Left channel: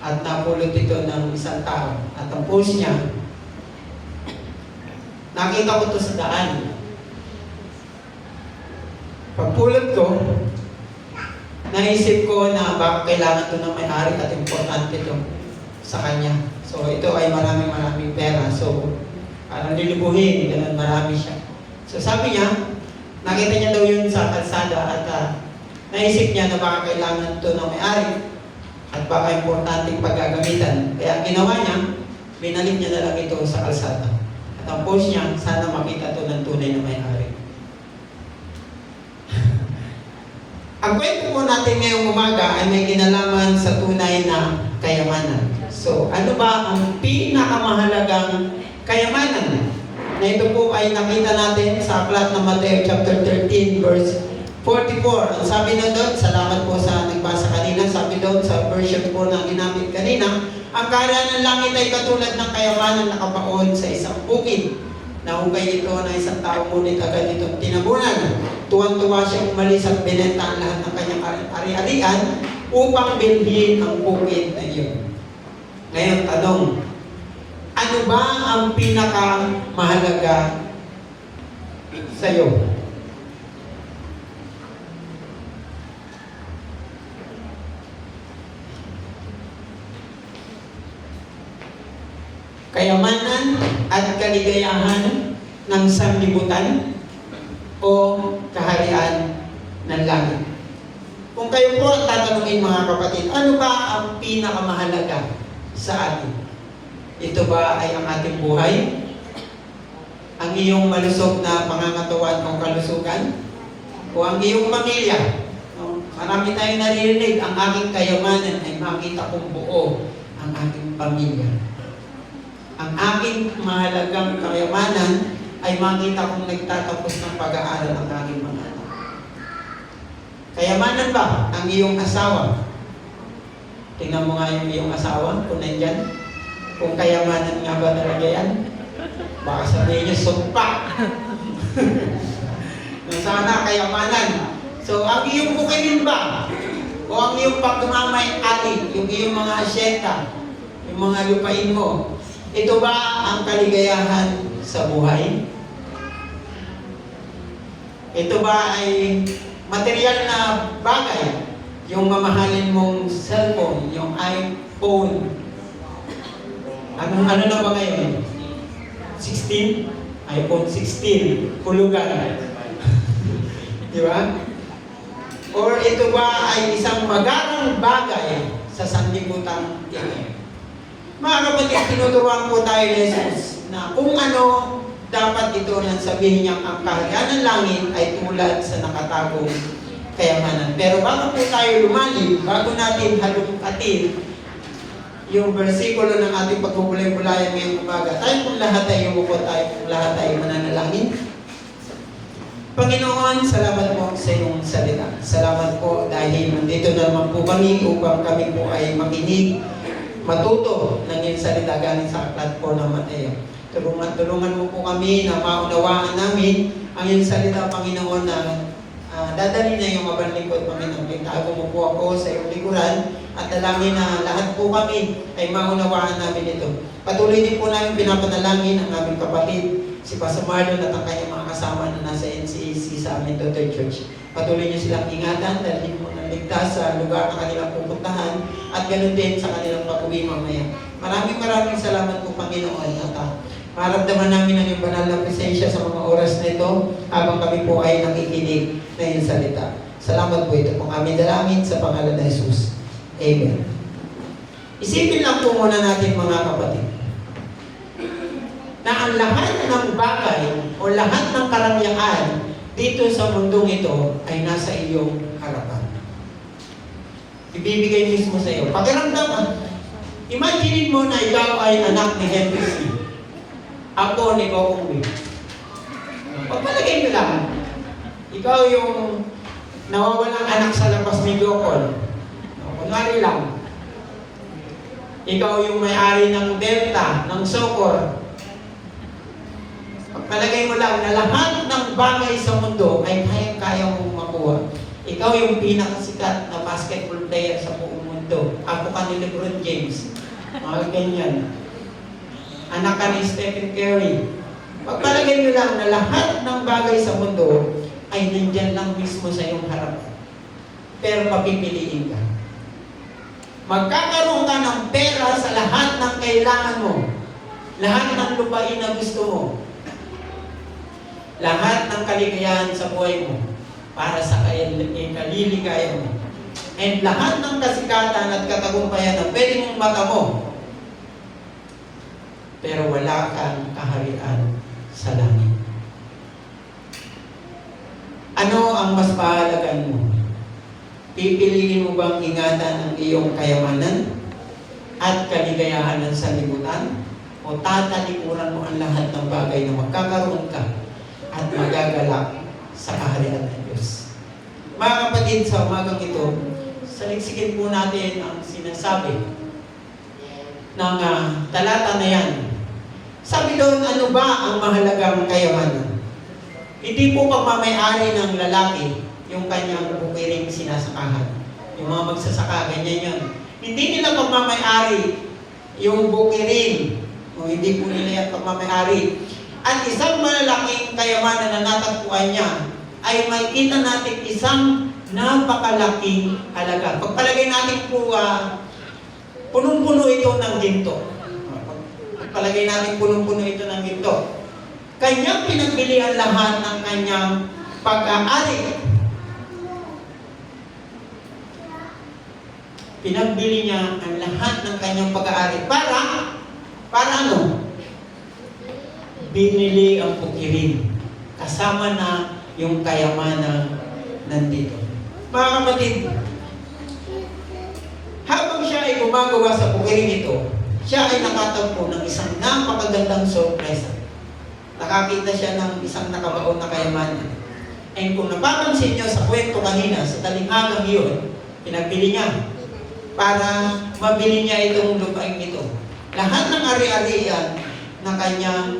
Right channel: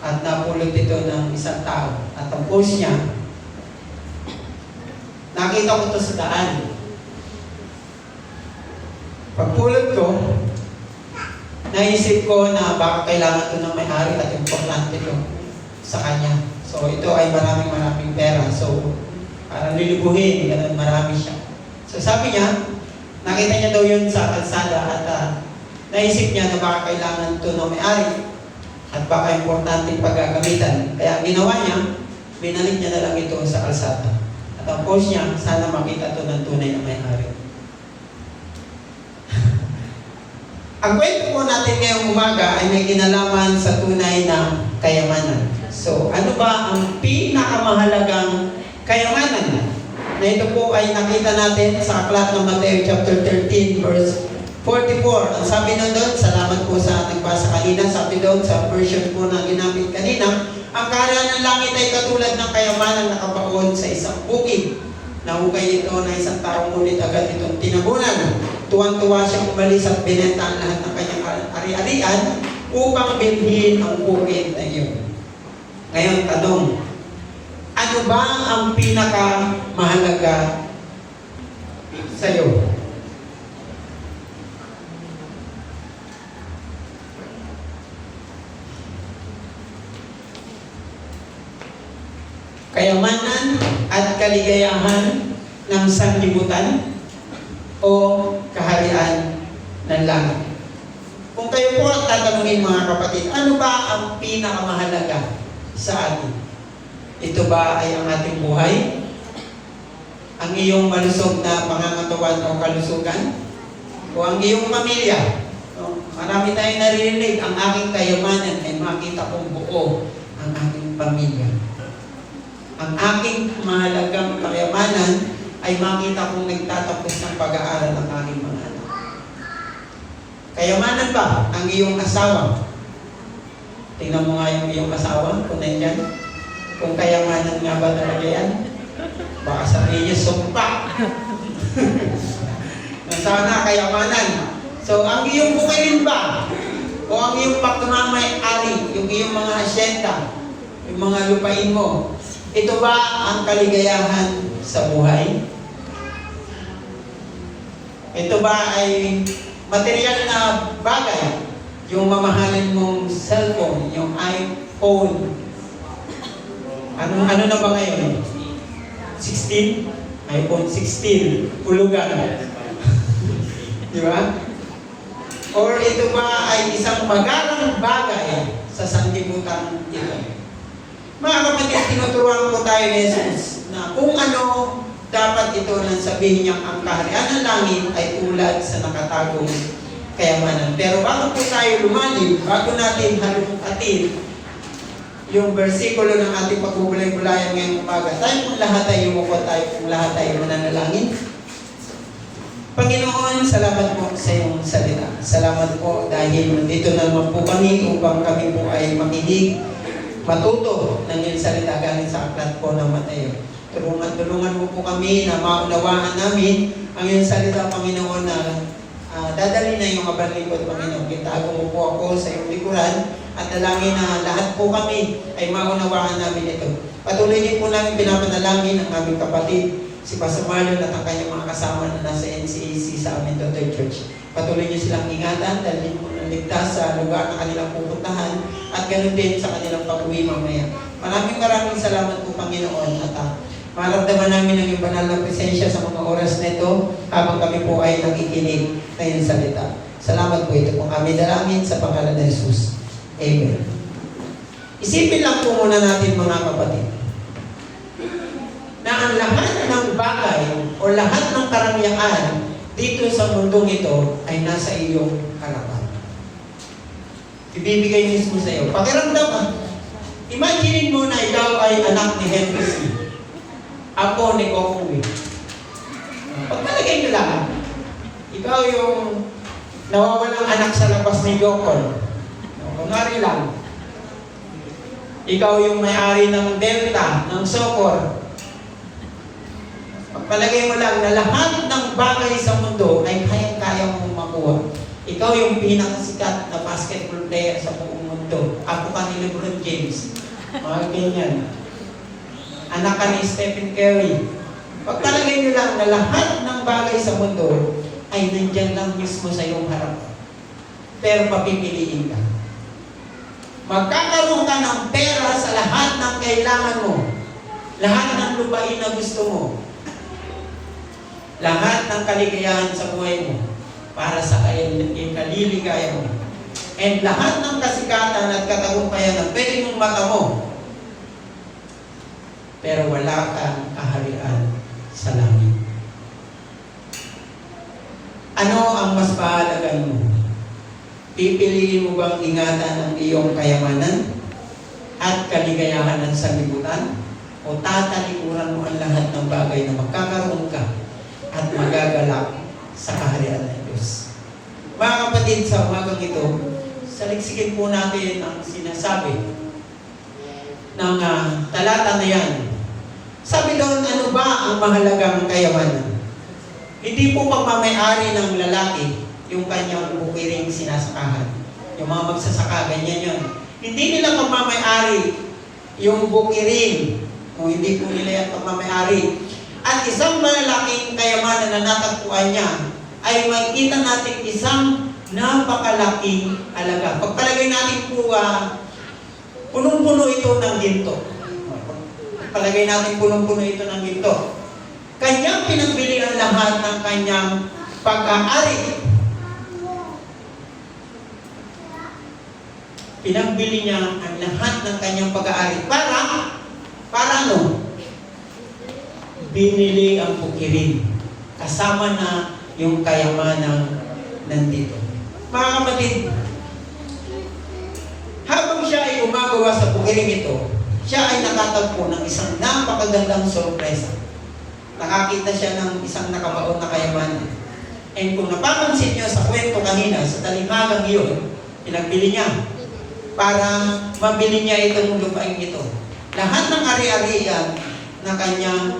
at napulot ito ng isang tao. At ang post niya, nakita ko ito sa daan. Pagpulot ko, naisip ko na baka kailangan ito ng may-ari at importante ito sa kanya. So ito ay maraming pera. So parang lilibuhin, ganun marami siya. So sabi niya, nakita niya daw yun sa kalsada at naisip niya na baka kailangan ito ng may-ari at baka importante paggagamitan. Kaya ginawa niya, binalik niya na lang ito sa kalsada. At ang post niya, sana makita ito ng tunay na may-ari. Ang kwento po natin ngayong umaga ay may kinalaman sa tunay na kayamanan. So, ano ba ang pinakamahalagang kayamanan? Na ito po ay nakita natin sa aklat ng Mateo chapter 13 verse 44. Ang sabi doon, salamat po sa nagbasa kanina, sabi doon sa version po na ginamit kanina, ang kaharian ng langit ay katulad ng kayamanan na nakabaon sa isang bukid. Nahukay ito na isang tao, ngunit agad itong tinabunan. Tuwan-tuwa siyang umalis at binenta ang lahat ng kanyang ari-arian upang bilhin ang bukid na iyon. Ngayon, tanong, ano ba ang pinakamahalaga sa iyo? Kayamanan at kaligayahan ng sanlibutan o kaharian ng langit? Kung kayo po ang tatanungin mga kapatid, ano ba ang pinakamahalaga sa atin? Ito ba ay ang ating buhay? Ang iyong malusog na pangangatawan o kalusugan? O ang iyong pamilya? Marami tayong naririnig, ang aking kayamanan ay makita kong buo ang aking pamilya. Ang aking mahalagang kayamanan ay makita kong nagtatapos ng pag-aaral ng aking mga anak. Kayamanan ba ang iyong asawa? Tingnan mo nga yung iyong asawa, kung nandyan. Kung kayamanan nga ba talaga yan? Baka sabihin niyo, sumpa. Sana kayamanan. So, ang iyong bukidin ba? O ang iyong pagmamay-ari, yung iyong mga asyenda, yung mga lupain mo, ito ba ang kaligayahan sa buhay? Ito ba ay material na bagay? Yung mamahalin mong cellphone, yung iPhone. Ano na ba ngayon? 16? iPhone 16. Hulugan. Di ba? Or ito ba ay isang magarang bagay sa sanlibutan ito? Mga kapatid, tinuturuan po tayo ni Jesus na kung ano dapat ito nang sabihin niya, ang kaharian ng langit ay tulad sa nakatagong kayamanan. Pero bago po tayo lumalim, bago natin halukatin yung versikulo ng ating pagbubulay-bulayan ngayong umaga, tayo kung lahat ay umupo, tayo kung lahat ay mananalangin. Panginoon, salamat po sa iyong salita. Salamat po dahil dito na naman po kami upang kami po ay makinig, matuto ng iyong salita galing sa aklat po ng Mateo. Tulungan mo po kami na maunawaan namin ang iyong salita, Panginoon, na dadali na yung mabanlikod, Panginoon. Itago mo po ako sa iyong likuran at dalangin na lahat po kami ay maunawaan namin ito. Patuloy din po namin pinapanalangin ang aming kapatid, si Pastor Marlon at ang kanyang mga kasama na nasa NCEC sa aming Daughter Church. Patuloy niyo silang ingatan, dalhin mo ng ligtas sa lugar na kanilang pupuntahan at ganoon din sa kanilang pag-uwi mamaya. Maraming salamat po, Panginoon, at maramdaman namin ang iyong banal na presensya sa mga oras na ito habang kami po ay nakikinig na iyong salita. Salamat po, ito po kami dalangin sa pangalan ng Jesus. Amen. Isipin lang po muna natin, mga kapatid, na ang lahat ng bagay o lahat ng karangyaan dito sa mundong ito ay nasa iyong harapan. Ibibigay mismo sa iyo. Pakiramdam, imagine mo na ikaw ay anak ni Henry C. Ako ni Kokong. Pagpalagay nyo lang, ikaw yung nawawalang anak sa labas ni Jokol. Kunwari lang, ikaw yung may-ari ng Delta, ng Socor. Pagpalagay mo lang na lahat ng bagay sa mundo ay kaya-kaya mong makuha. Ikaw yung pinakasikat na basketball player sa buong mundo. mundo. Apo ka ni Lebron James. Mga ganyan. Anak ka ni Stephen Curry. Pagpalagay nyo lang na lahat ng bagay sa mundo ay nandyan lang mismo sa iyong harapan. Pero papipiliin ka. Magkakaroon ka ng pera sa lahat ng kailangan mo. Lahat ng lupain na gusto mo. Lahat ng kaligayahan sa buhay mo para sa kaliligayahan mo. And lahat ng kasikatan at katagumpayan na pwede mong mata mo. Pero wala kang kaharian sa langit. Ano ang mas pahalagan mo? Pipiliin mo bang ingatan ang iyong kayamanan at kaligayahan ng sanlibutan? O tatalikuran mo ang lahat ng bagay na magkakaroon ka at magagalak sa kaharian ng Diyos? Mga kapatid, sa umagang ito, saliksikin po natin ang sinasabi ng talata na yan. Sabi doon, ano ba ang mahalagang kayamanan? Hindi po pagmamayari ng lalaki yung kanyang bukiring sinasakahan. Yung mga magsasaka, ganyan yun. Hindi nila pagmamayari yung bukiring. O hindi po nila yung pagmamayari. At isang malaking kayamanan na natagpuan niya ay makikita natin isang napakalaking halaga. Pagpalagay natin po, punong-puno ito ng ginto. Pagpalagay natin punong-puno ito ng ginto. Kanyang pinagbili ang lahat ng kanyang pag-aari. Pinagbili niya ang lahat ng kanyang pag-aari. Para ano? Binili ang bukirin. Kasama na yung kayamanan nandito. Mga kapatid, habang siya ay gumagawa sa bukiring ito, siya ay nakatagpo ng isang napakagandang sorpresa. Nakakita siya ng isang nakabaon na kayamanan. And kung napapansin niyo sa kwento kanina, sa talinghagang iyon, pinagbili niya para mabili niya itong lupain ito. Lahat ng ari-arian na kanya,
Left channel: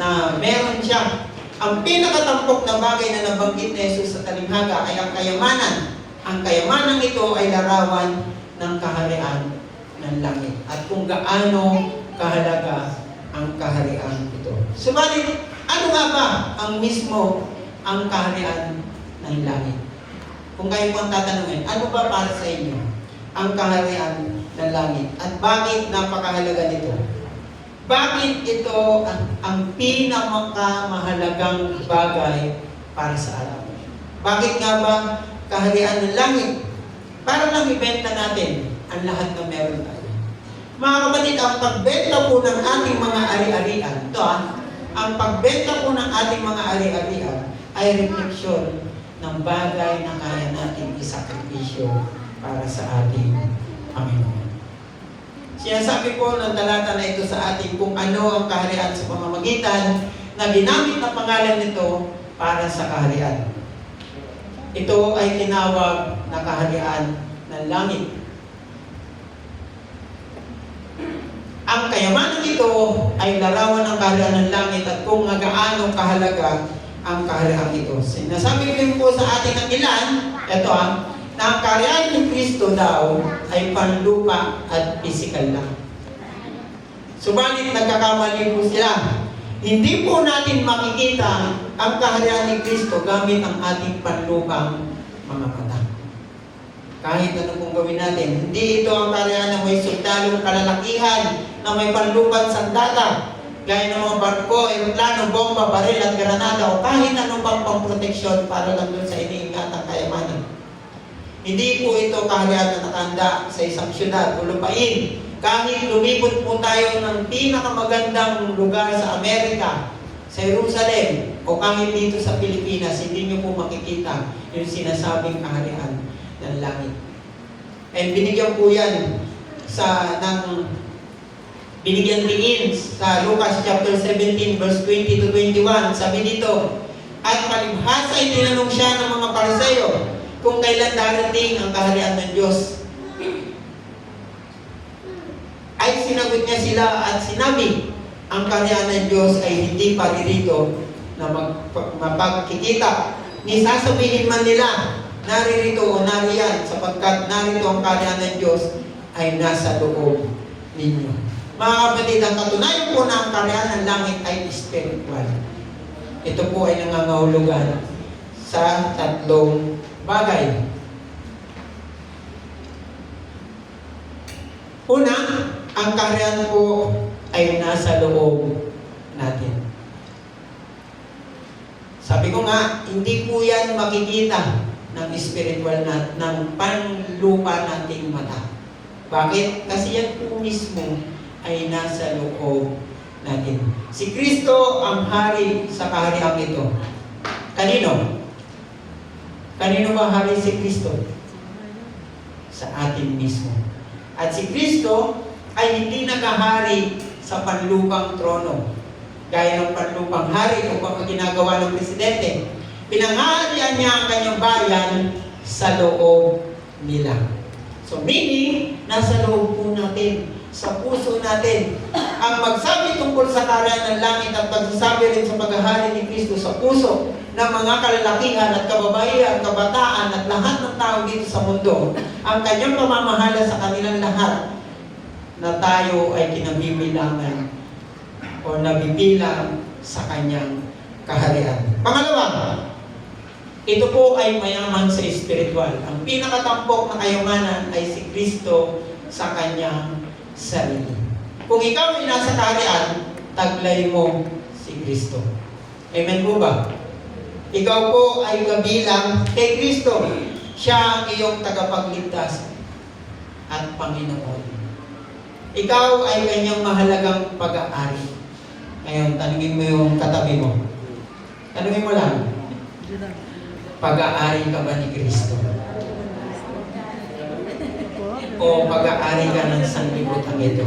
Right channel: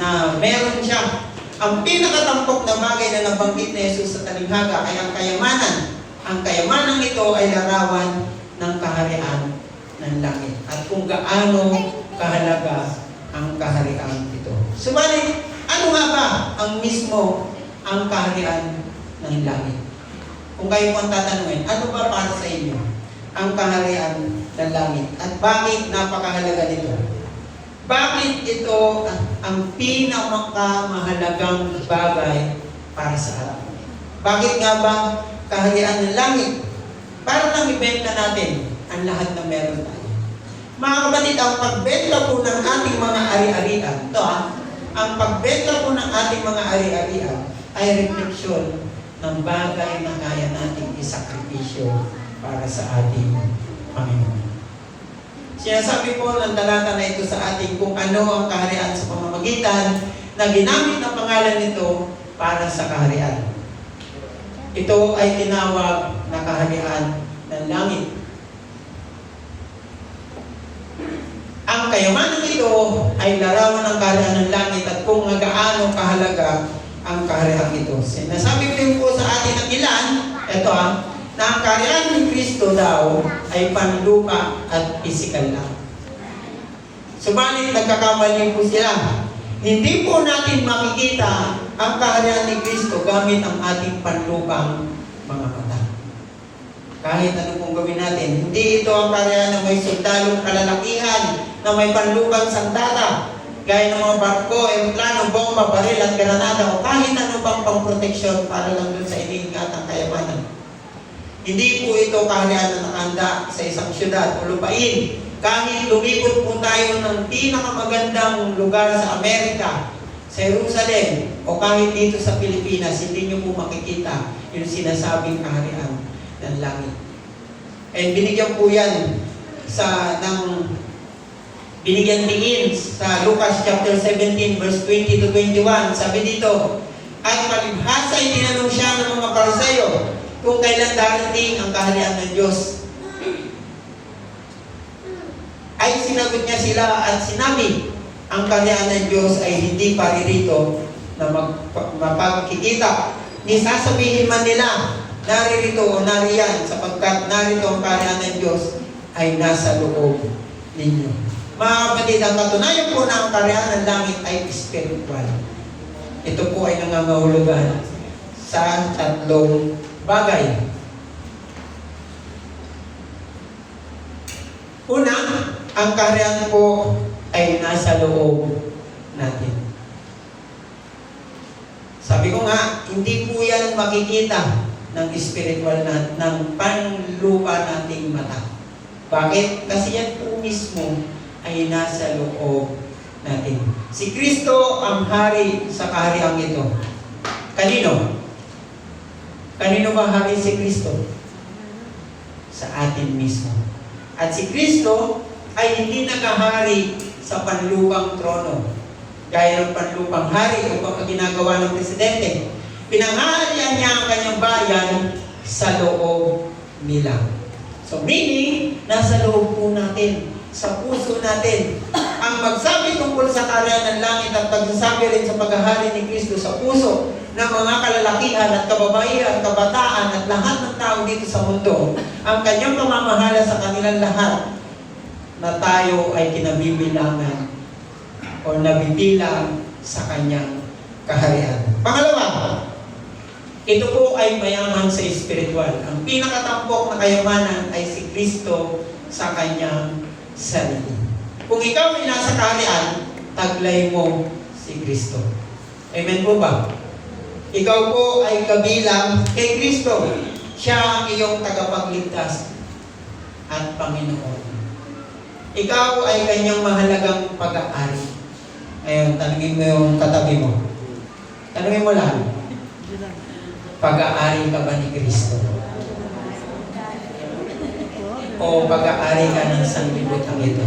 na meron siya. Ang pinakatampok na bagay na nabanggit ni Jesus sa talinghaga ay ang kayamanan. Ang kayamanan ito ay larawan ng kaharian ng langit. At kung gaano kahalaga ang kaharian ito. Subalit, ano nga ba ang mismo ang kaharian ng langit? Kung kayo po ang tatanungin, ano ba para sa inyo ang kaharian ng langit? At bakit napakahalaga nito? Bakit ito ang pinakamahalagang bagay para sa atin? Bakit nga ba kaharian ng langit? Para lang ibenta natin ang lahat na meron tayo. Mga kapatid, ang pagbenta po ng ating mga ari-arian, ang pagbenta po ng ating mga ari-arian ay refleksyon ng bagay na kaya nating isakripisyo para sa ating Panginoon. Sinasabi po ng talata na ito sa atin kung ano ang kaharian sa pamamagitan na ginamit ang pangalan nito para sa kaharian. Ito ay tinawag na kaharian ng langit. Ang kayamanan nito ay larawan ng kaharian ng langit at kung gaano kahalaga ang kaharian ito. Sinasabi din po sa atin ng ilan, ito na ang kaharian ni Kristo daw ay panlupa at pisikal lang. Subalit nagkakamali po sila. Hindi po natin makikita ang kaharian ni Kristo gamit ang ating panlupang mga mata. Kahit ano pong gawin natin, hindi ito ang kaharian na may sundalong kalalakihan, na may panlupang sandata, gaya ng mga barko, eroplano, bomba, baril at granada, o kahit ano pang pang-proteksyon para lang dun sa iniingatang kayamanan. Hindi po ito kaharian na nakahanda sa isang syudad o lupain. Kahit lumipot po tayo ng pinakamagandang lugar sa Amerika, sa Jerusalem, o kahit dito sa Pilipinas, hindi nyo po makikita yung sinasabing kaharian ng langit. And binigyan po yan binigyan diin sa Lucas chapter 17 verse 20 to 21. Sabi dito, at palibhasa ay tinanong siya ng mga Pariseo kung kailan darating ang kaharian ng Diyos. Ay sinagot niya sila at sinabi, ang kaharian ng Diyos ay hindi paririto na mapagkikita. Ni sasabihin man nila, naririto o nariyan, sapagkat narito ang kaharian ng Diyos ay nasa loob ninyo. Mga kapatid, ang katunayan po na ang kaharian ng langit ay spiritual. Ito po ay nangangahulugan sa tatlong bagay. Una, ang kaharian po ay nasa loob natin. Sabi ko nga, hindi po yan makikita ng spiritual ng panlupa nating mata. Bakit? Kasi yan po mismo ay nasa loob natin. Si Kristo ang hari sa kahariang ito. Kanino? Kanino ba hari si Kristo? Sa atin mismo. At si Kristo ay hindi naghahari sa panlupang trono. Gaya ng panlupang hari o ang ginagawa ng presidente. Pinanghaharian niya ang kanyang bayan sa loob nila. So meaning, nasa loob po natin, sa puso natin. Ang magsabi tungkol sa kaharian ng langit at magsasabi rin sa paghahari ni Kristo sa puso ng mga kalalakihan at kababaihan, kabataan at lahat ng tao dito sa mundo, ang kanyang pamamahala sa kanilang lahat na tayo ay kinabibilangan o nabibilang sa kanyang kaharian. Pangalawa, ito po ay mayaman sa espiritual. Ang pinakatampok na kayamanan ay si Kristo sa kanyang sarili. Kung ikaw ay nasa kaharian, taglay mo si Kristo. Amen po ba? Ikaw po ay kabilang kay Kristo. Siya ang iyong tagapagligtas at Panginoon. Ikaw ay kanyang mahalagang pag-aari. Ngayon, tanungin mo yung katabi mo. Tanungin mo lang, pag-aari ka ba ni Kristo? O pag-aari ka ng sanlibutan ito?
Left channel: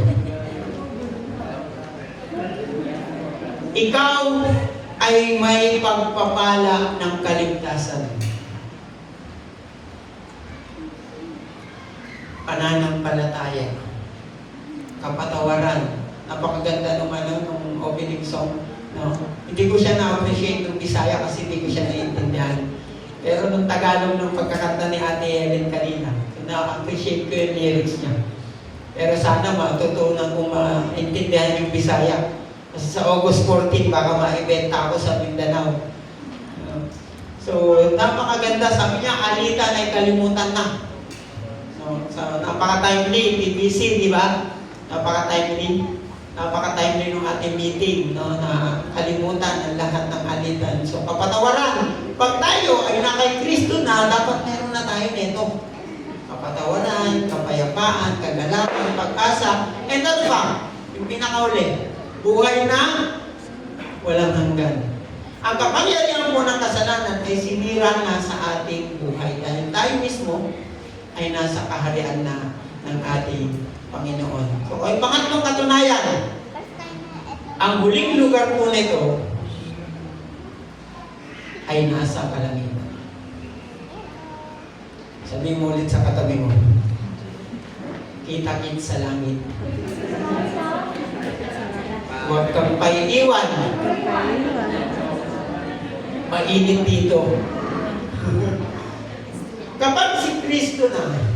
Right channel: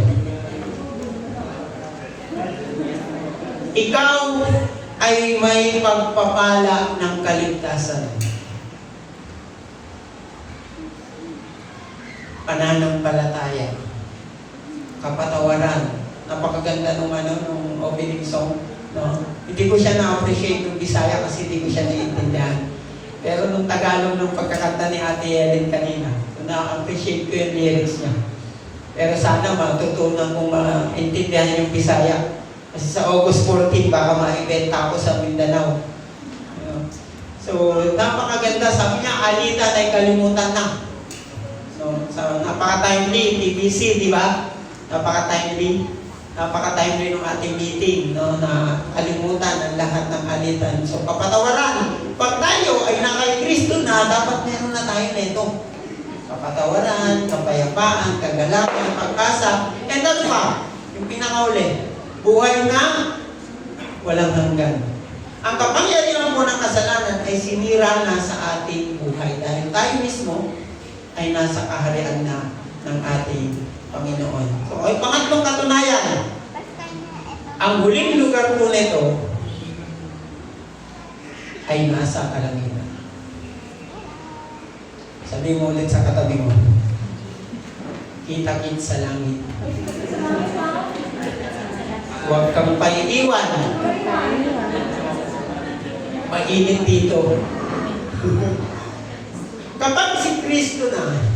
Ikaw ay may pagpapala ng kaligtasan. Pananampalataya. Kapatawaran. Napakaganda nung opening song. No? Hindi ko siya na-appreciate ng Bisaya kasi hindi ko siya naiintindihan. Pero nung Tagalog, nung pagkakanta ni Ate Helen kanina, na-appreciate ko yung lyrics niya. Pero sana matutunan kong maintindihan yung Bisaya. Kasi sa August 14, baka ma-eventa ako sa Mindanao. So, napakaganda. Sabi niya, alitan ay kalimutan na. So napaka-timely, TBC, di ba? Napaka-timely ng ating meeting, no? Na kalimutan ang lahat ng alitan. So, papatawaran. Pag tayo ay na kay Kristo na, dapat meron na tayo nito. Papatawaran, kapayapaan, kagalakan, pag-asa. And ano pa? Yung pinakauli, buhay na walang hanggan. Ang kapangyarihan po ng kasalanan ay sinira na sa ating buhay. Dahil tayo mismo ay nasa kaharian na ng ating Panginoon. So, ay pangatlong katunayan, ang huling lugar po nito ay nasa kalangitan. Sabi mo ulit sa katabi mo, kita-kit sa langit. Huwag kang paiiwan. Mainit dito. Kapag si Kristo na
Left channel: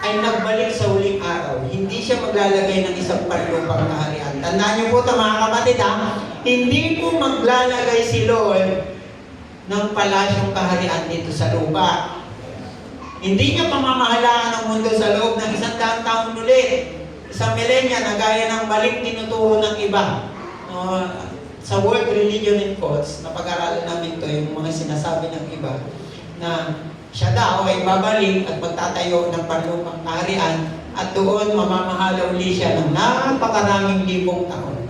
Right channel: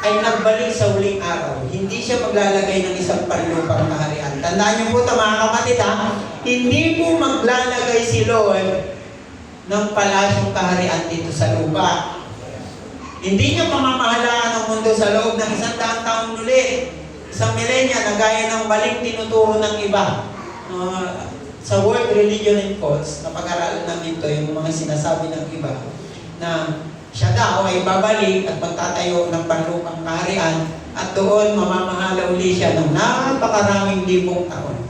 ay nagbalik sa huling araw, hindi siya maglalagay ng isang panlupang kaharian. Tandaan niyo po ito mga kapatid ha, hindi po maglalagay si Lord ng palasyong kaharian dito sa lupa. Hindi niya pamamahalaan ang mundo sa loob ng 100 taong muli. Isang milenya na gaya ng baling tinuturo ng iba. Sa World Religion and Cults, napag-aralan namin ito, yung mga sinasabi ng iba, na siya daw ay babalik at magtatayo ng panlupang kaharian at doon mamamahala uli siya ng napakaraming libong taon.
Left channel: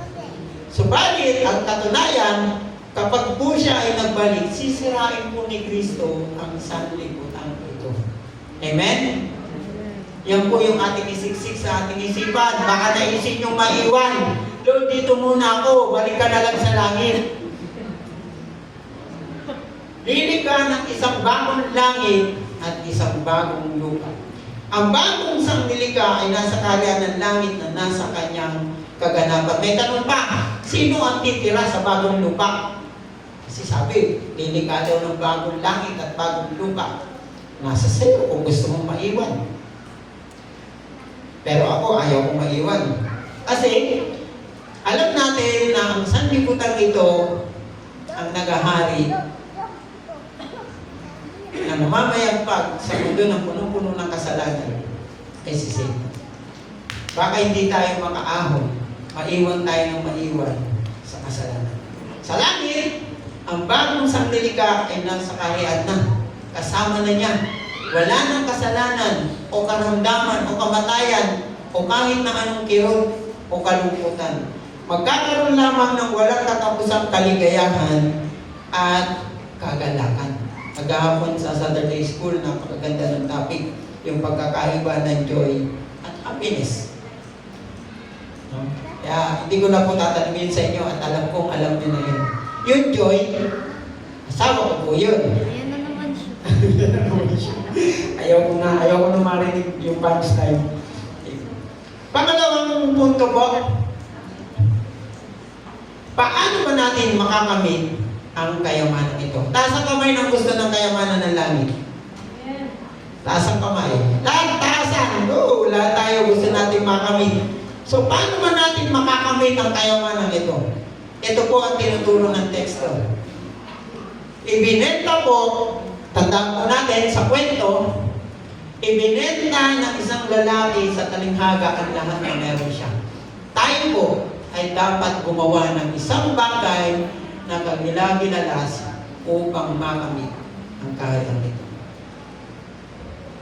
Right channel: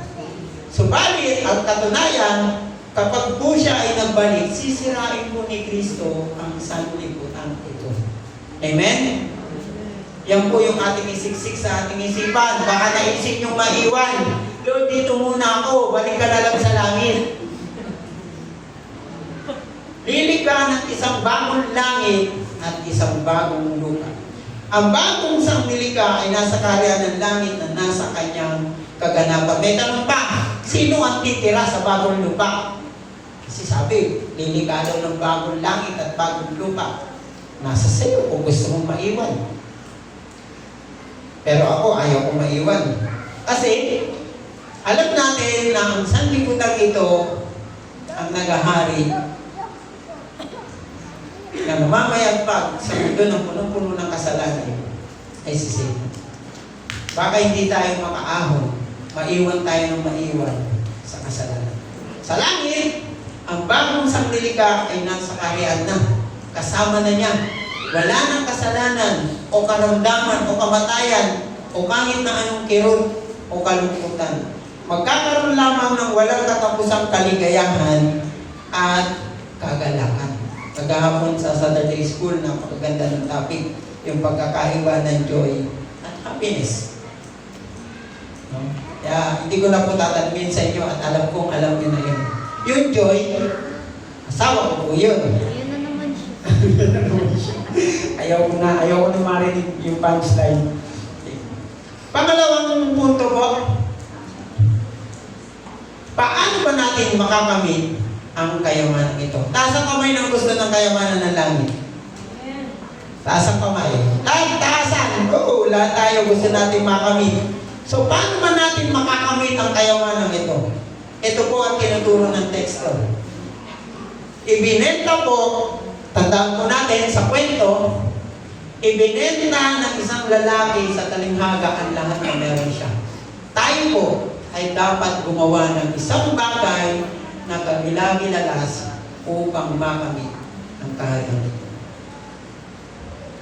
Subalit, ang katunayan, kapag po siya ay nagbalik, sisirain po ni Kristo ang sanlibutan ito. Amen? Yan po yung ating isiksik sa ating isipan. Baka naisip niyong maiwan. Lord, dito muna ako. Balik ka na lang sa langit. Lilikha ng isang bagong langit at isang bagong lupa. Ang bagong sanglilikha ay nasa kaharian ng langit na nasa kanyang kaganapan. May tanong pa, sino ang titira sa bagong lupa? Kasi sabi, lilikha daw ng bagong langit at bagong lupa. Nasa sa'yo kung gusto mong maiwan. Pero ako, ayaw kong maiwan. Kasi, alam natin na ang sanlibutan ito ang nagahari na namamayagpag sa mundo ng punong-puno ng kasalanan ay si Satan. Baka hindi tayo makaahon, maiwan tayo ng maiwan sa kasalanan. Sa langit, ang bagong sanglilika ay nasa kaharian na. Kasama na niya. Wala ng kasalanan o karamdaman o kamatayan o kahit na anong kirot o kalungkutan. Magkakaroon lamang ng walang katapusang kaligayahan at kagalakan. Kagahapon sa Saturday School, napakaganda ng topic, yung pagkakaiba ng joy at happiness. No? Kaya hindi ko na po tatanungin sa inyo at alam kong alam niyo na yun. Yung joy, asawa ko po yun. Ayaw ko na marinig yung punchline. Pangalawang punto po, paano ba natin makakamit ang kayamanan ito? Taas ang kamay ng gusto ng kayamanan ng langit. Taas ang kamay. Taasan! Oo, lahat tayo gusto natin makamit. So, paano ba natin makakamit ang kayamanan ito? Ito po ang tinuturo ng teksto. Ibinenta po, tandaan po natin sa kwento, ibinenta ng isang lalaki sa talinghaga ang lahat na meron siya. Tayo po ay dapat gumawa ng isang bagay na kagilagilalas upang makamit ang kaharian nito.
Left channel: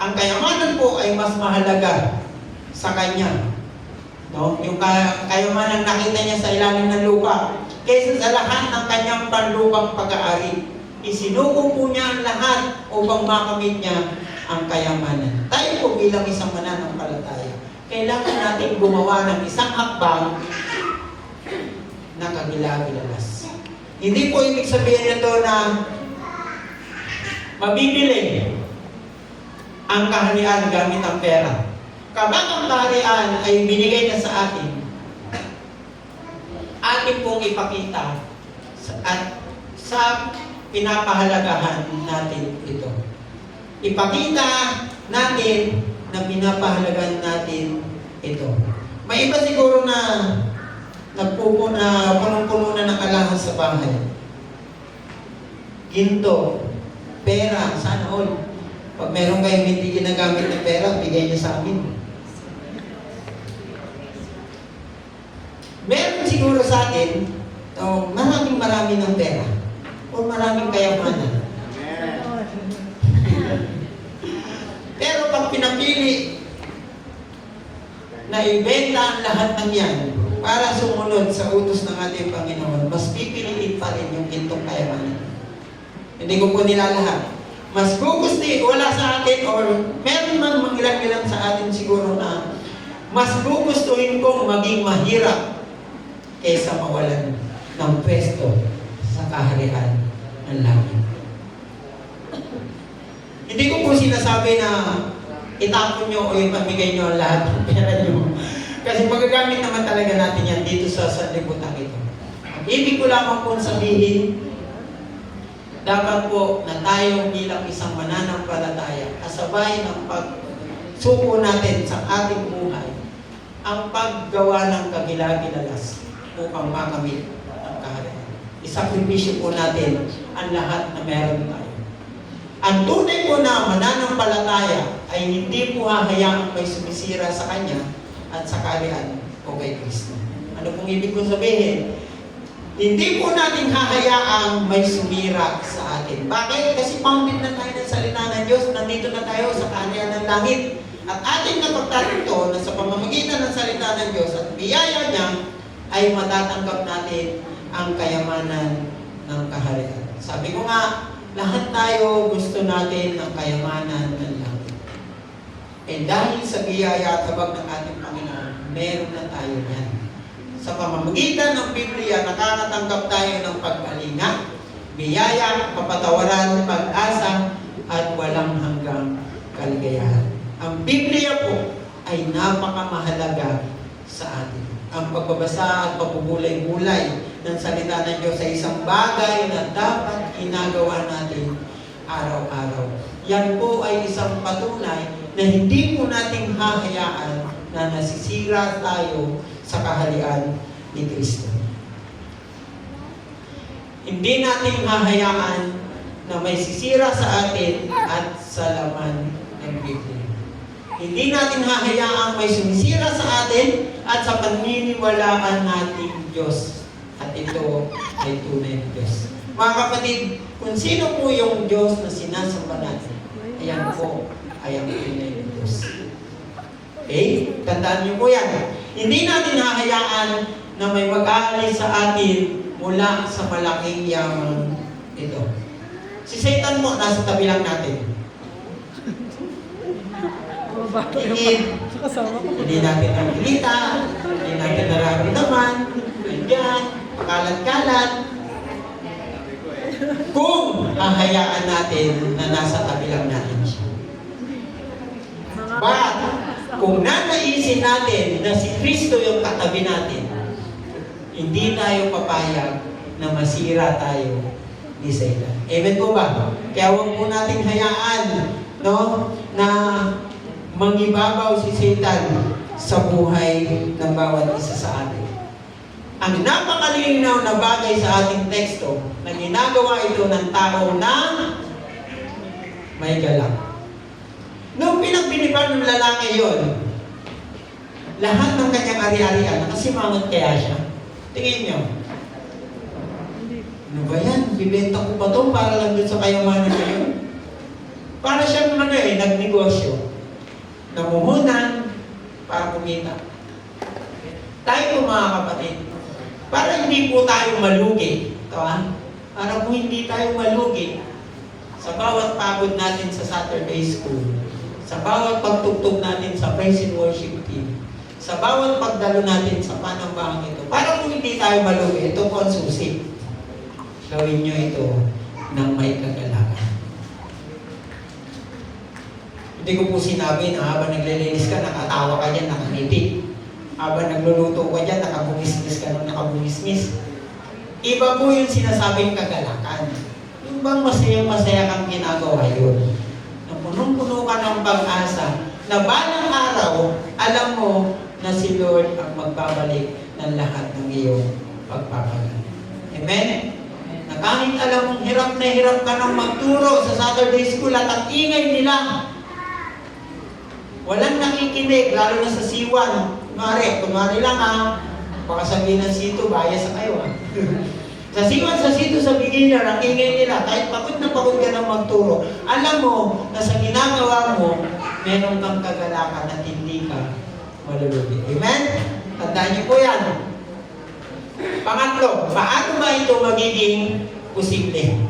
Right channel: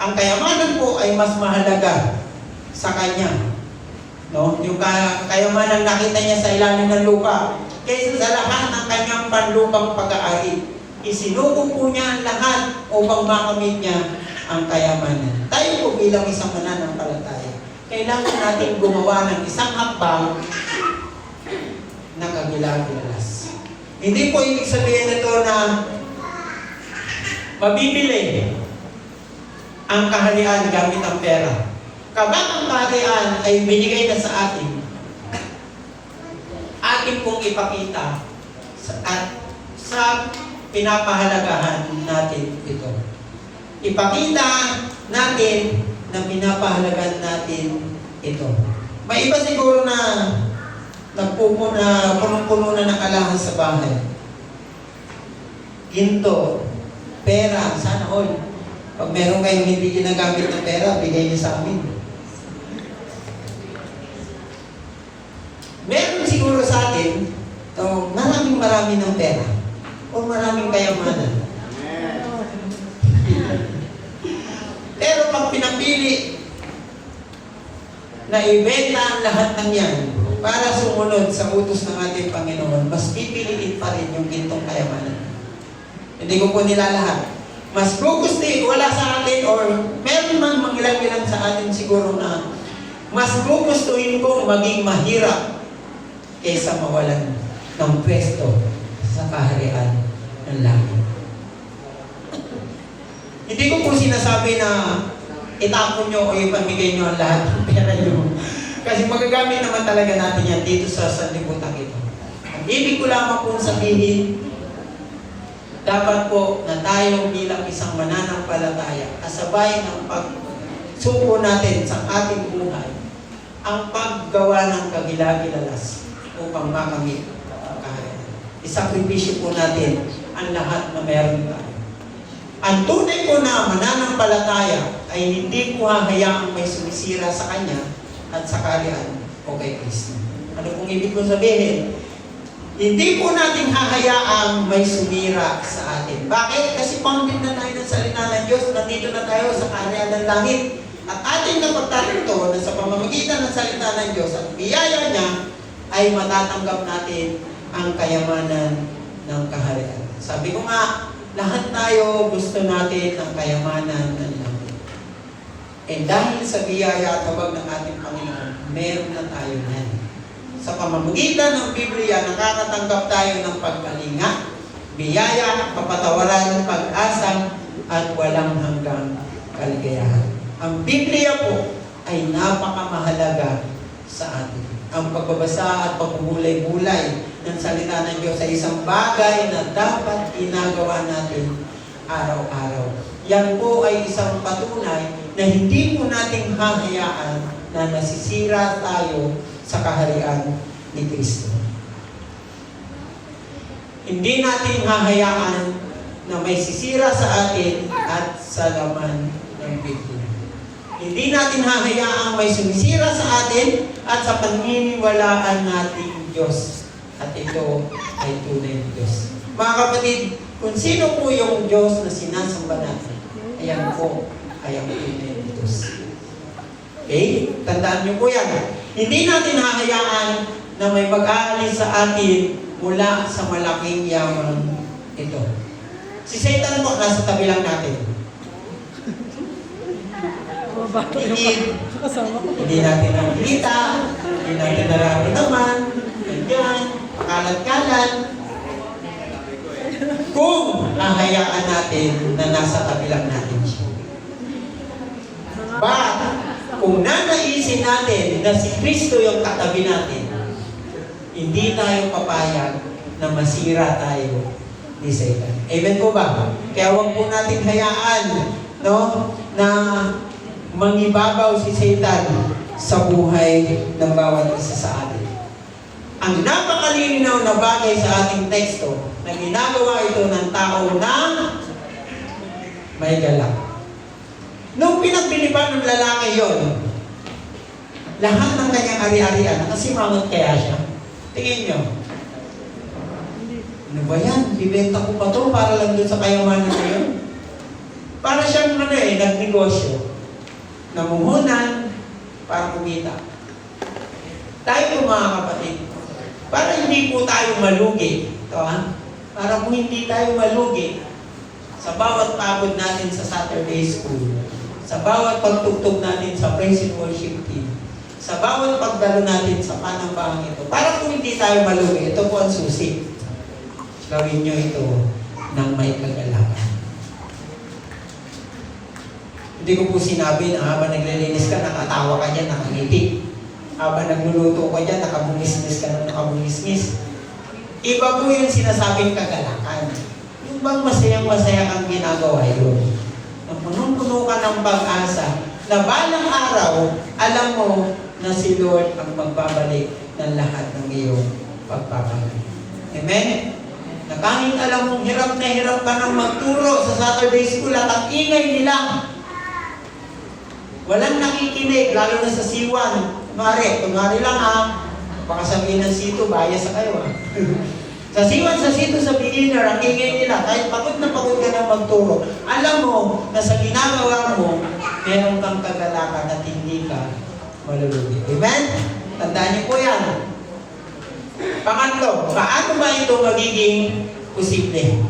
Ang kayamanan po ay mas mahalaga sa kanya. No? Yung kayamanan nakita niya sa ilalim ng lupa kaysa sa lahat ng kanyang panlupang pag-aari. Isinuko po niya ang lahat upang makamit niya ang kayamanan. Tayo po bilang isang mananampalataya, kailangan natin gumawa ng isang hakbang na kagilagilalas. Hindi po ibig sabihin nito na mabibili ang kaharian gamit ang pera. Kapag ang kaharian ay binigay na sa atin, atin pong ipakita at sa pinapahalagahan natin ito. Ipakita natin na pinapahalagahan natin ito. May iba siguro na punong-puno na ng alahas sa bahay. Ginto, pera, sana all. Pag meron kayong hindi ginagamit na pera, bigay niyo sa amin. Meron siguro sa atin, maraming ng pera o maraming kayamanan. Pero pag pinapili na ibenta ang lahat ng yan para sumunod sa utos ng ating Panginoon, mas pipiliin pa rin yung gintong kayamanan. Hindi ko po nilalahat. Mas gugustuhin, wala sa atin or meron man mangilang-ilang sa atin siguro na mas gugustuhin kong maging mahirap kaysa mawalan ng pwesto sa kaharian ng langit. Hindi ko po sinasabi na itapon nyo o ipamigay nyo ang lahat ng pera nyo. Kasi magagamit naman talaga natin yan dito sa sanlibutan ito. Ang ibig ko lamang pong sabihin, dapat po na tayo bilang isang mananampalataya, kasabay ng pagsuko natin sa ating buhay, ang paggawa ng kagilagilalas upang makamit ang kaharian. Isakripisyo po natin ang lahat na meron tayo. Ang tunay po na mananampalataya ay hindi po hahayaang may sumisira sa Kanya at sa kaharian o kay Kristo. Ano pong ibig ko sabihin? Hindi po natin hahayaang may sumira sa atin. Bakit? Kasi founded na tayo ng salita ng Diyos, nandito na tayo sa kaharian ng langit. At ating napagtatanto na sa pamamagitan ng salita ng Diyos at biyaya niya, ay matatanggap natin ang kayamanan ng kaharian. Sabi ko nga, lahat tayo gusto natin ang kayamanan ng langit. And dahil sa biyaya at habag ng ating Panginoon, meron na tayo yan. Sa pamamagitan ng Biblia, nakakatanggap tayo ng pagpalinga, biyaya, kapatawaran, pag-asa, at walang hanggang kaligayahan. Ang Biblia po ay napakamahalaga sa atin. Ang pagbabasa at pagbubulay-bulay ng salita ng Diyos ay isang bagay na dapat ginagawa natin araw-araw. yan po ay isang patunay na hindi po natin hahayaan na nasisira tayo sa kaharian ni Kristo. Hindi natin hahayaan na may sisira sa atin at sa laman ng Biblia. Hindi natin hahayaan may sumisira sa atin at sa paniniwalaan nating Diyos. At ito ay tunay na Diyos. Mga kapatid, kung sino po yung Diyos na sinasamba natin, ayan po ay ang tunay na Diyos. Okay? Tandaan niyo po yan. Hindi natin hahayaan na may mag-aalis sa atin mula sa malaking yaman ito. Si Satan mo, nasa tabi lang natin. Hindi natin nakikita, hindi natin nararamdaman, nandiyan, pakalat-kalat. Kung hahayaan natin na nasa tabi lang natin siya. But, kung nanaisin natin na si Kristo yung katabi natin, hindi tayo papayag na masira tayo ni Satan. Amen po ba? Kaya huwag po natin hayaan, no, na mangibabaw si Satan sa buhay ng bawat isa sa atin. Ang napakalinaw na bagay sa ating teksto na ginagawa ito ng tao na may galak. Nung pinagbiliban ng lalaki yun, lahat ng kanyang ari-arian, nakasimangot kaya siya. Tingin nyo. Ano ba yan? Bibenta ko pa to para lang dun sa kayamanan na yun? Para siyang nagnegosyo. Namumunan para kumita. Tayo po mga kapatid, para hindi po tayo malugi. Ito ha? Para po hindi tayo malugi sa bawat pagod natin sa Saturday School, sa bawat pagtugtog natin sa praise and worship team, sa bawat pagdalo natin sa panambahang ito, para kung hindi tayo maluwi, ito po ang susi. Gawin nyo ito ng may kagalakan. Hindi ko po sinabi na habang naglilinis ka, nakatawa ka dyan, nakangiti. Habang nagluluto ka dyan, nakabumisnis ka ng nakabumisnis. Iba po yung sinasabing kagalakan. Yung bang masayang-masaya kang ginagawa yun. Nang punong-puno ka ng pag-asa, na balang araw, alam mo na si Lord ang magbabalik ng lahat ng iyong pagpapagaling. Amen? Na kahit alam mong hirap na hirap ka nang magturo sa Saturday School at ang ingay nila, walang nakikinig, lalo na sa C1. Kunwari lang ha, baka sabihin ng C2, bias sa kayo ha. Sa C1, sa C2, sa beginner, ang ingay nila, kahit pagod na pagod ka nang magturo, alam mo na sa ginagawa mo, meron kang kagalakan at hindi ka malulugi. Amen? Tandaan niyo po yan. Pangatlo, paano ba ito magiging posible?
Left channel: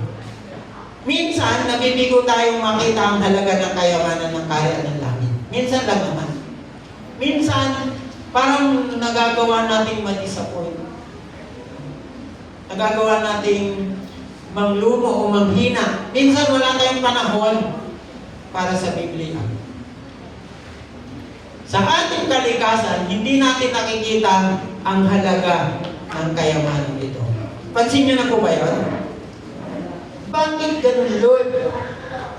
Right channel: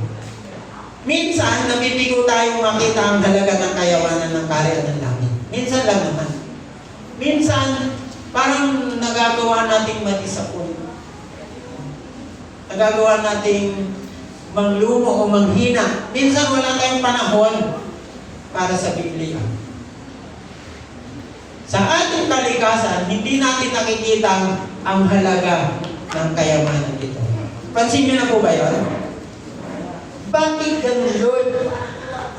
Minsan, nabibigo tayong makita ang halaga ng kayawanan ng kaharian ng langit. Minsan lang naman. Minsan, parang nagagawa nating ma-disappoint. Nagagawa nating manglumo o manghina. Minsan wala tayong panahon para sa Biblia. Sa ating kalikasan, hindi natin nakikita ang halaga ng kayamanan dito. Pansin niyo na po ba yun? Bakit ganun, Lord?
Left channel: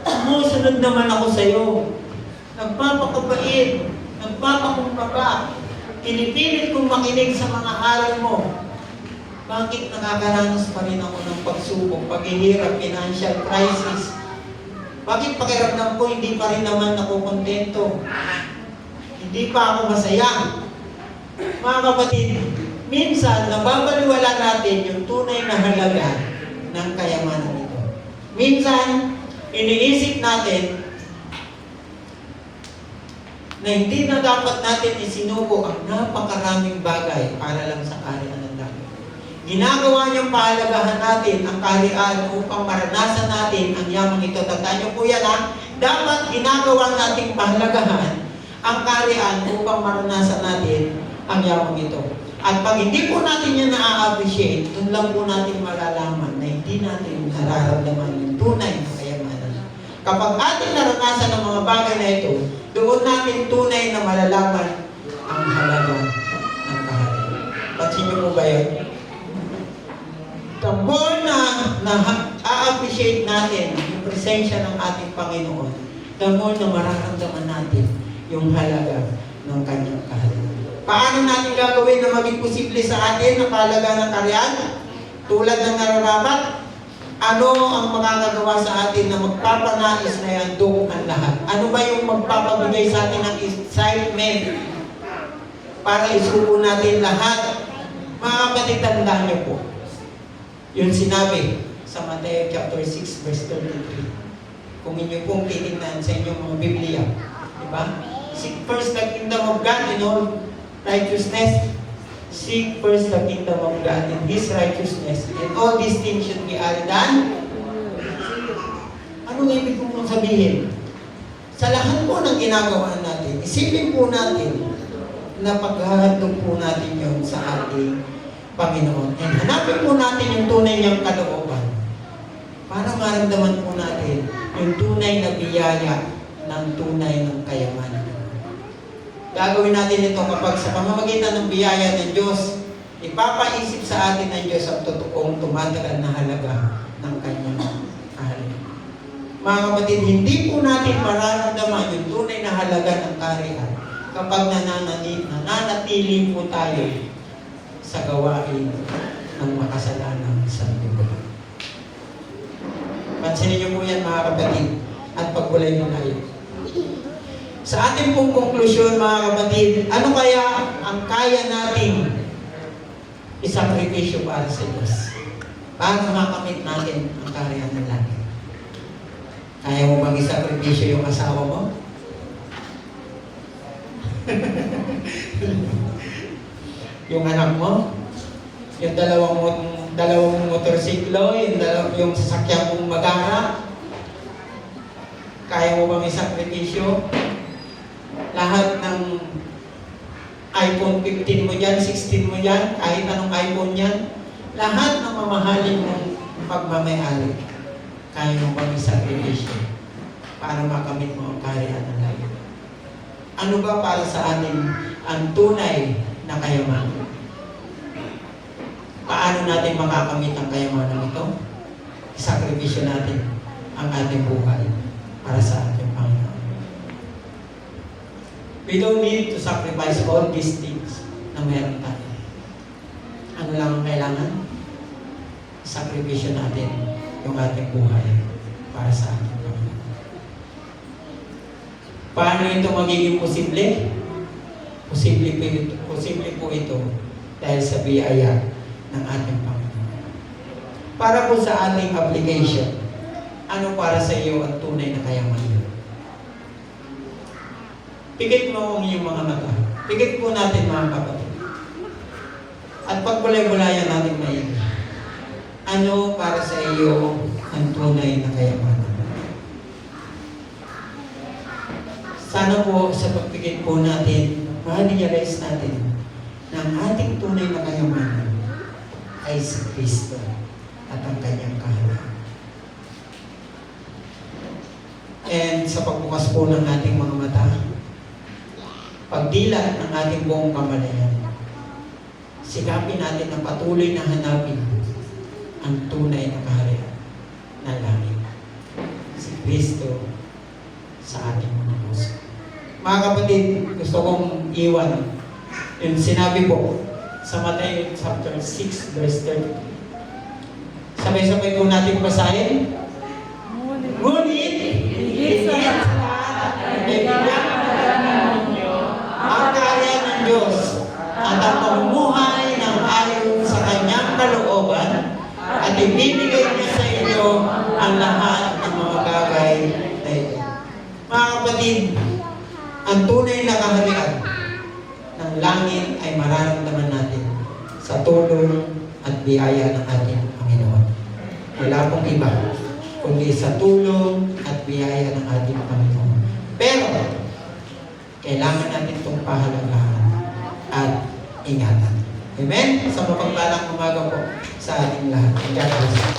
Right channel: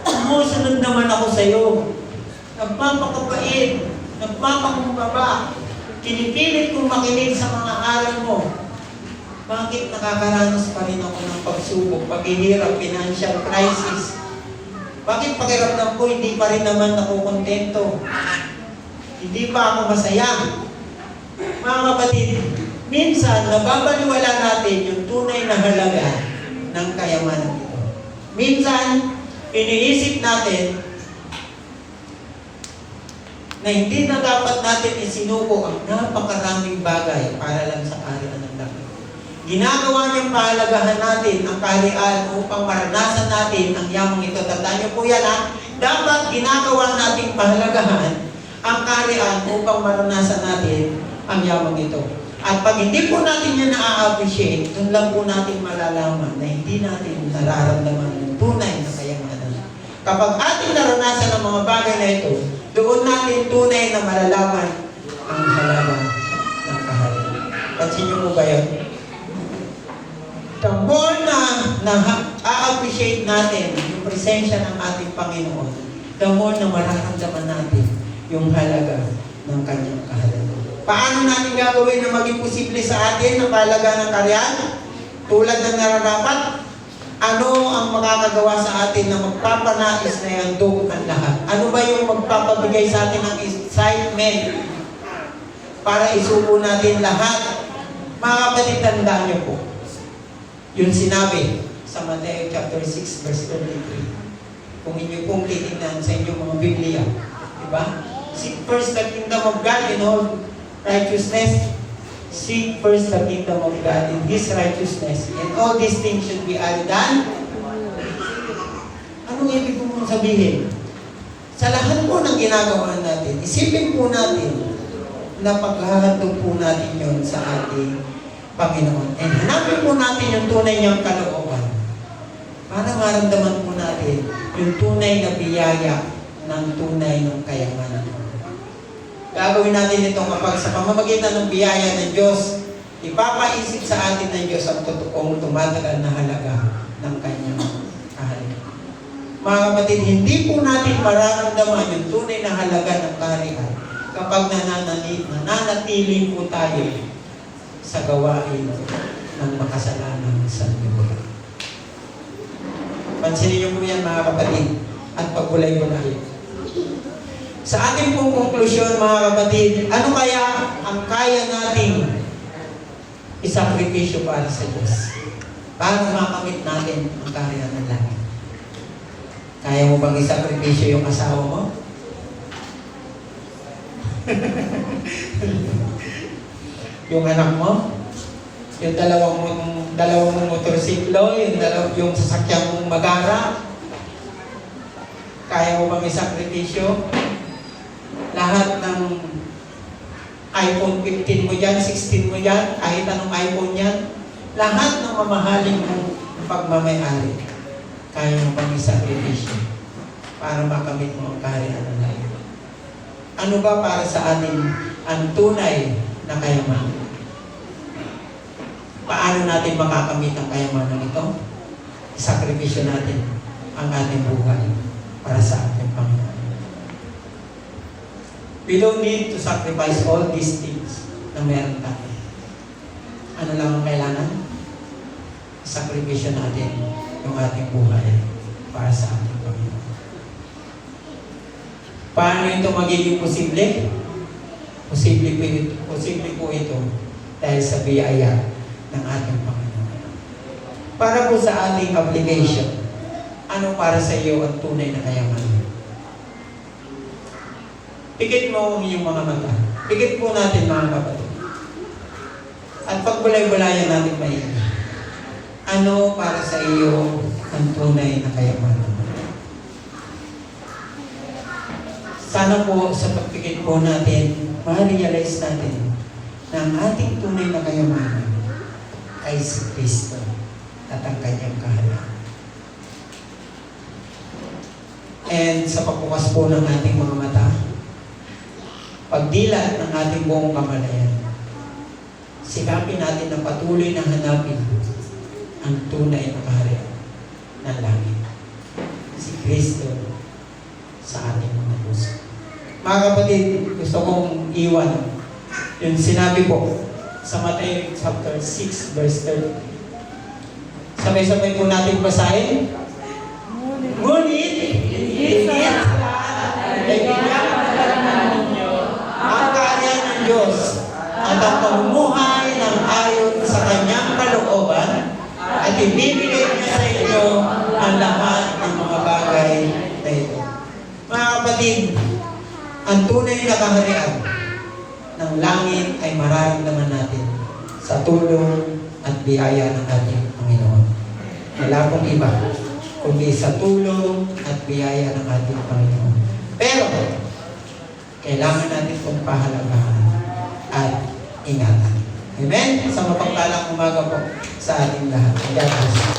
Sumusunod naman ako sa iyo. Nagpapakabait, nagpapakumbaba, kinipilit kong makinig sa mga aral mo. Bakit nakakaranas pa rin ako ng pagsubok, paghihirap, financial crisis? Bakit pakiramdam ko hindi pa rin naman ako kontento? Hindi pa ako masaya? Mga kapatid, minsan nababaliwala natin yung tunay na halaga ng kayamanan ito. Minsan, iniisip natin na hindi na dapat natin isinuko ang napakaraming bagay para lang sa kaharian ng langit. Ginagawa niyang pahalagahan natin ang kaharian upang maranasan natin ang yamang ito. Tandaan niyo po yan ha? Dapat ginagawa natin pahalagahan ang kaharian upang maranasan natin ang yamang ito. At pag hindi po natin yan na-appreciate, doon lang po natin malalaman na hindi natin nararamdaman yung tunay na kayamanan. Kapag ating naranasan ang mga bagay na ito, doon natin tunay na malalaman ang halaga ng kaharian. Pansin niyo mo ba yun? The more na a-appreciate natin yung presensya ng ating Panginoon, the more na mararamdaman natin yung halaga ng kanyang kahalaga. Paano natin gagawin na maging posible sa atin ang kahalaga ng karyan? Tulad ng nararapat, ano ang makakagawa sa atin na magpapanais na handog ang lahat? Ano ba yung magpapabigay sa atin ng excitement para isuko natin lahat? Mga kapatid, tandaan niyo po. Yung sinabi sa Mateo chapter 6 verse 33. Kung inyo pong titignan sa inyong mga Biblia, diba? Seek first the kingdom of God in all righteousness. Seek first the kingdom of God in His righteousness, and all these things should be added on. Ano ibig po sabihin? Sa lahat po ng ginagawa natin, isipin po natin na paghahatog po natin yun sa ating Panginoon. And hanapin po natin yung tunay niyang kalooban para maramdaman po natin yung tunay na biyaya ng tunay ng kayamanan. Gagawin natin ito kapag sa pamamagitan ng biyaya ng Diyos, ipapaisip sa atin ng Diyos ang totoong tumatagal na halaga ng kanyang kahalaga. Mga kapatid, hindi po natin mararamdaman yung tunay na halaga ng kaharian kapag nananatili po tayo sa gawain ng makasalanang sanlibutan. Pansinin niyo po yan, mga kapatid, at pagbulay-bulay. Sa ating pong konklusyon, mga kapatid, ano kaya ang kaya nating isakripisyo para sa Diyos? Para makamit natin ang kaharian ng langit. Kaya mo bang isakripisyo yung asawa mo? Yung anak mo? Yung dalawang motorsiklo? Yung sasakyan mong magara? Kaya mo bang isakripisyo? Lahat ng iPhone 15 mo dyan, 16 mo dyan, kahit anong iPhone yan, lahat ng mamahalin mong pagmamayari, kaya mo bang isakripisyo para makamit mo ang kaharian ng langit. Ano ba para sa atin ang tunay na kayamanan? Paano natin makakamit ang kayamanan ito? Isakripisyo natin ang ating buhay para sa ating Panginoon. We don't need to sacrifice all these things na meron tayo. Ano lang ang kailangan? Sakripisyo natin yung ating buhay para sa ating Panginoon. Paano ito magiging posible? Posible po ito dahil sa biyaya ng ating Panginoon. Para po sa ating application, ano para sa iyo ang tunay na kayamanan? Pikit mo ang iyong mga mata. Pikit po natin, mga kapatid. At pagbulay-bulayan natin maigi. Ano para sa iyo ang tunay na kayamanan? Sana po sa pagpikit po natin, ma-realize natin na ang ating tunay na kayamanan ay si Kristo at ang kanyang kahalaga. And sa pagbukas po ng ating mga mata, pagdilat ng ating buong kamalayan, sikapin natin na patuloy na hanapin ang tunay na kaharian ng langit. Si Kristo sa ating mga puso. Mga kapatid, gusto kong iwan yung sinabi po sa Mateo chapter 6 verse 33. Sabay-sabay po natin basahin. Ngunit, hindi sa lahat ay bigyan ang kaharian ng Diyos at ang pamumuhay ng ayon sa kanyang kalooban at ibibigay niya sa inyo ang lahat ng mga bagay na ito. Mga kapatid, ang tunay na kaharian ng langit ay mararamdaman natin sa tulong at biyaya ng ating Panginoon. Wala pong iba kundi sa tulong at biyaya ng ating Panginoon. Pero, kailangan natin itong pahalagahan at ingatan. Amen? Sa mapagpalang umaga po sa ating lahat. God bless you.